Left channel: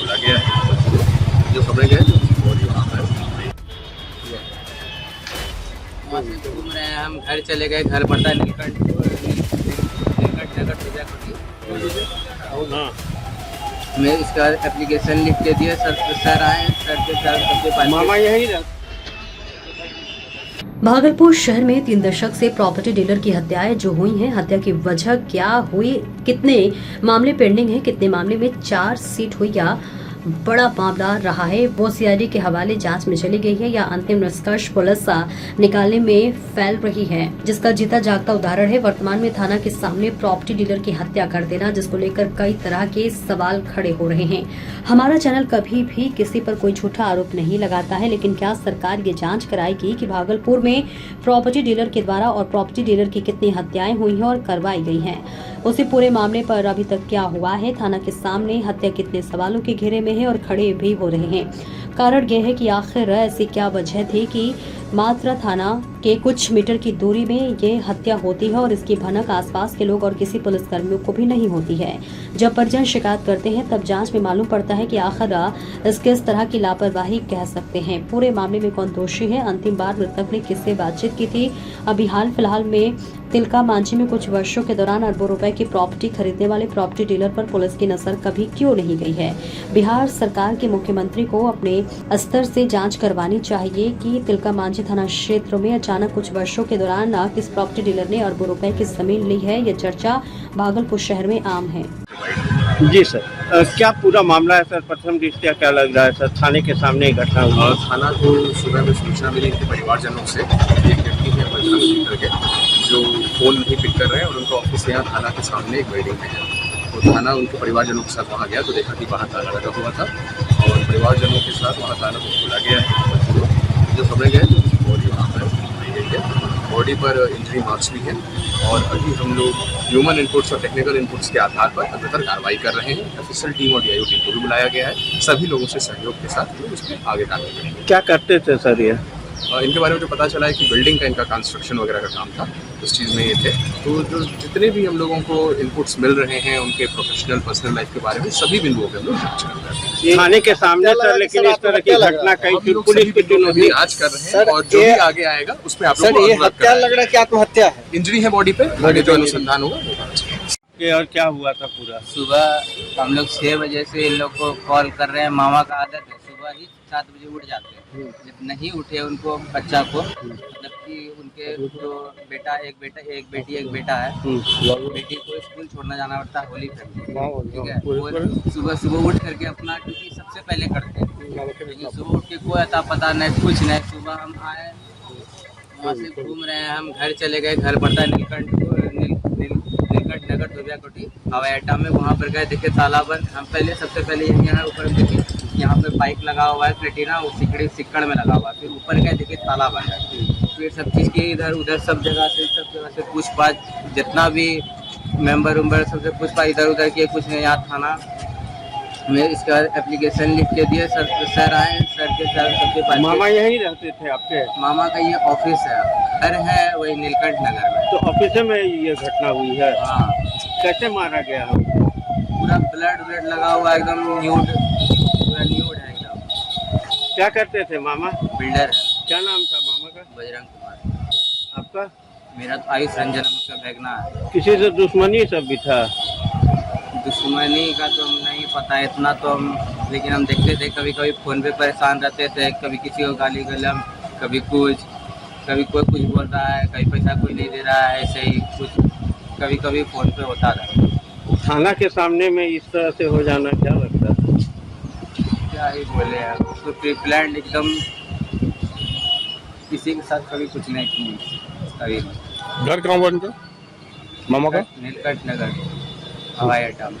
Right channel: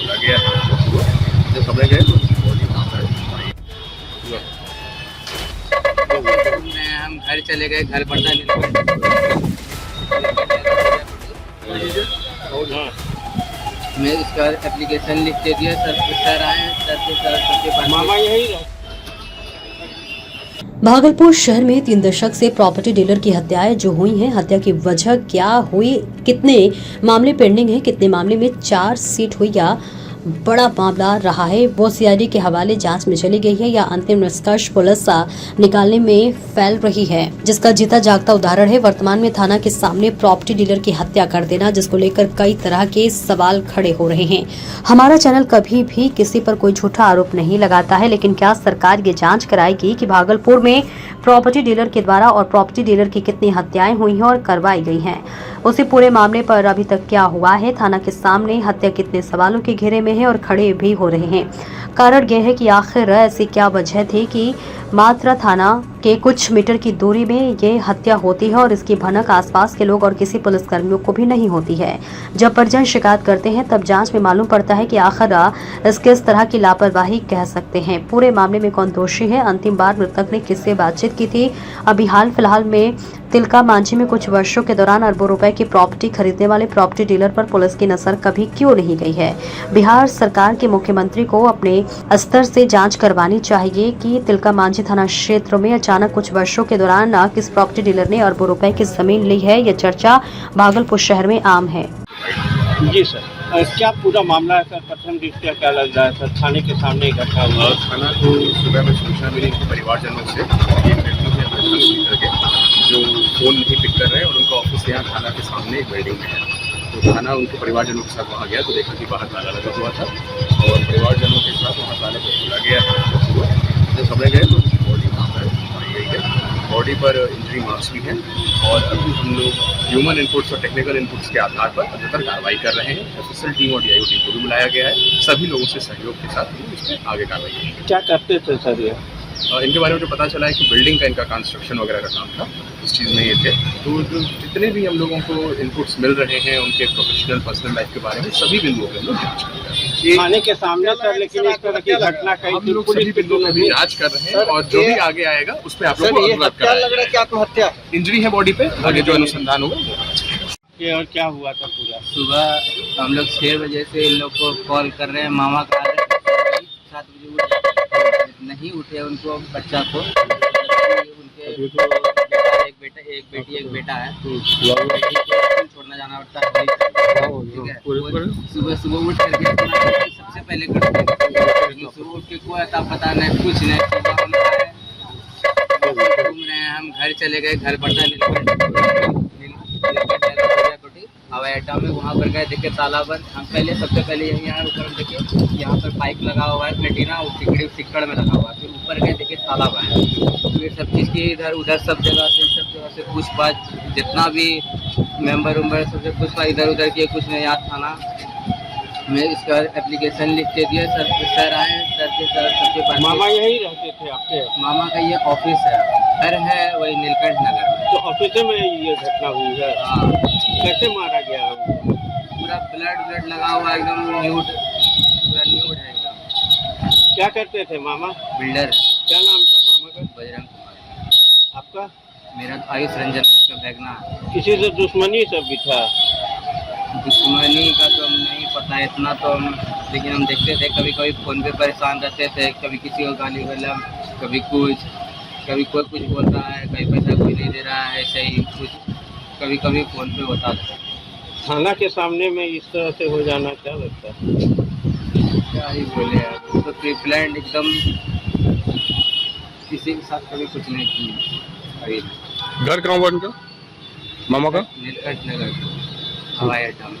बोला गया है। जब खबरें गए तो बॉडी वहाँ पर घूम रहे हैं, हम घर चले गए, घर पड़ता नीलकंठ हमने इसके बाद एप्लीकेशन लिख के दिया सर आए, सर के सबके पास मामा यही रहा। भागलपुर शहर में 3 दशक से प्रॉपर्टी डीलर की हत्याएं जो हुई हैं, हत्या की वजह क्या हुई, कितने मामले पेंडिंग हैं, कितने मामले में चार्जशीट हुई या बड़ा मामला रहा है, वो सीआईडी के हवाले जांच में चली गई है या अंतिम निष्कर्ष पुलिस निकालने में फैल रही है, जिसका जीता जागता उदाहरण है वर्तमान में थाना के सामने प्रॉपर्टी डीलर की हत्या कर देना, जिसको लेकर कई तरह के सवाल खड़े हो रहे हैं। हमारा चैनल कभी भी किसी पर कोई झूठा आरोप नहीं लगाता है, लेकिन क्या सरकार ये जांच कराएगी कि भागलपुर में प्रॉपर्टी डीलर के द्वारा और प्रॉपर्टी डीलर की कितनी हत्याएं हुई हैं और करवाई गई हैं। उसी पूरे मामले पर अभी तक क्या हुआ है, थाना के सामने हत्या कितने सवालों के घेरे में है और खड़े भी हो रहे हैं। कारण यह है कि आखिर ऐसी क्या वजह थी कि मात्रा थाना के कुछ मीटर की दूरी में ये हत्या होती है और इसकी भनक आसपास के लोग और किसी पुलिसकर्मियों को भी नहीं होती है। जब परिजन शिकायत करते हैं तब जांच में मालूम पड़ता है कि आखिर इस किस तरह की लापरवाही कह सकते हैं। पूरे मामले में कौन दोषी है, अंतिम बार मृतक ने किससे बातचीत की थी, अभी हाल फिलहाल में तिलका मांझी में कुछ वर्षों के दौरान अरबों रुपए की प्रॉपर्टी खरीदने वाले प्रॉपर्टी डीलर पर पुलिस की नजर कभी क्यों नहीं गई है। बिहार सरकार के मुख्यमंत्री को अपने स्तर से जांच करवानी चाहिए कि तिलका मांझी थाना क्षेत्र में अचानक कुछ वर्षों के दौरान किस प्रॉपर्टी डीलर ने अरबों रुपए की जमीन ली है। यह चर्चा भागलपुर शहर में आम है। जी सर, क्या पूरा मामला है सर? प्रथम दृष्टया क्या लग रहा है सर? थाने के सामने ही घटना हुआ। थाना को सुबह में सूचना मिली कि परिवारजनों से एक व्यक्ति है बजरंग करके जो फ़ोन नहीं पिक कर रहे हैं और उनका ऑफिस यहाँ थाना के सामने एक बिल्डिंग में है। तो थाना उनके परिवारजनों के साथ वहाँ गया तो देखा कि बाहर ताला लगा हुआ था और परिवारजनों के साथ वहाँ ताला को खोला गया है। जब खबरें गए तो बॉडी वहाँ पर पाई गई है। बॉडी पर इंजरी मार्क्स भी हैं और अभी हम लोग ह्यूमन इनपुट्स और टेक्निकल इनपुट्स के आधार पर अग्रतर कार्रवाई कर रहे हैं। ऑफिशियल टीम और डीआईओ टीम को भी बुलाया गया है। सभी लोगों से सहयोग के साथ हम लोग इसमें आगे कार्रवाई करेंगे। क्या करते थे सर ये? इनके बारे में जो पता चला है कि बिल्डिंग का इनका कंस्ट्रक्शन वगैरह का काम था, उस चीज़ में ये थे। तो जो जितने भी हम लोगों को इनपुट्स मिल रहे हैं उनके प्रोफेशनल पर्सनल लाइफ के बारे में सभी बिंदुओं पे हम लोग जांच कर रहे हैं। थाने के सामने सर, लेकिन इस तरह की घटना कई हम लोग सभी बिंदुओं में भी जांच कर रहे हैं और जो भी आगे आएगा उसमें आप लोगों को अवगत कराया लग रहा है कि आत्महत्या है। इंजरी है बॉडी पे, आगे जो अनुसंधान होगा वो पता चलेगा। और क्या हुआ था पूरा? सुबह हम लोग 6 बजे से इन लोग को कॉल कर रहे हैं। मामा का आदत है सुबह ही 7 बजे उठ जाते हैं, नहीं उठे उनको बच्चा को, जबकि उनके जो एक बेटा है, बेटी को स्कूल छोड़ना जाना पड़ता है होली, ठीक है। सुबह सुबह उठ करके अपना सबसे पहले करते हैं। सुबह उठ के कोई अता पता नहीं, कुछ नहीं। सुबह हम आए, घूम रहे हैं, हम घर चले गए, घर पड़ता नीलकंठ हवाई अड्डा में, वहाँ पर गए, देखे ताला बंद। हम सबसे पहले यहाँ ऊपर देखे यहाँ पर पाइप लगा हुआ है प्लेटिना, वो सिक्कड़ में लगा हुआ है। फिर ऊपर गए, देखे ताला बंद है। फिर सब चीज़ की इधर उधर सब जगह से पूछपाछ, जितना भी मेंबर उम्बर सबसे पूछपाछ इधर उधर किए, कुछ नहीं। यहाँ थाना में इसके बाद एप्लीकेशन लिख के दिए सर आए, सर के सबके पास। मामा यही रहते थे आपके? मामा का ये ऑफिस है, घर है वही नीलकंठ नगर में। तो ऑफिस में ये घटना हुई है? हाँ। कैसे मारा गया है? पूरा ब्लड लगा हुआ, एकदम न्यूड, पूरा न्यूड है एकदम। क्या करते थे मामा? बिल्डर है। क्या नाम था मामा का? बजरंग कुमार। आपका? मेरा तो आयुष रंजन का भगना है। किसी से दुश्मनी सब भी था? दुश्मनी का तो हम नहीं पता इतना तो हम, लेकिन हम देखते थे कभी कभी फ़ोन पे परेशान रहते थे, कभी किसी को गाली गलम, कभी कुछ, कभी कोई कुछ बोल रहा है, कभी पैसा कोई नहीं दे रहा है, ऐसे ही कुछ कभी कभी फ़ोन पे होता था। थाना के सामने में इस तरह से हो जाना क्या लगता है? क्या ही बोले यार, तो प्री प्लान एकदम, किसी के साथ कभी कुछ नहीं किया। अभी घर कहाँ हुआ उनका मामा का? नीलकंठ नगर हवाई अड्डा में।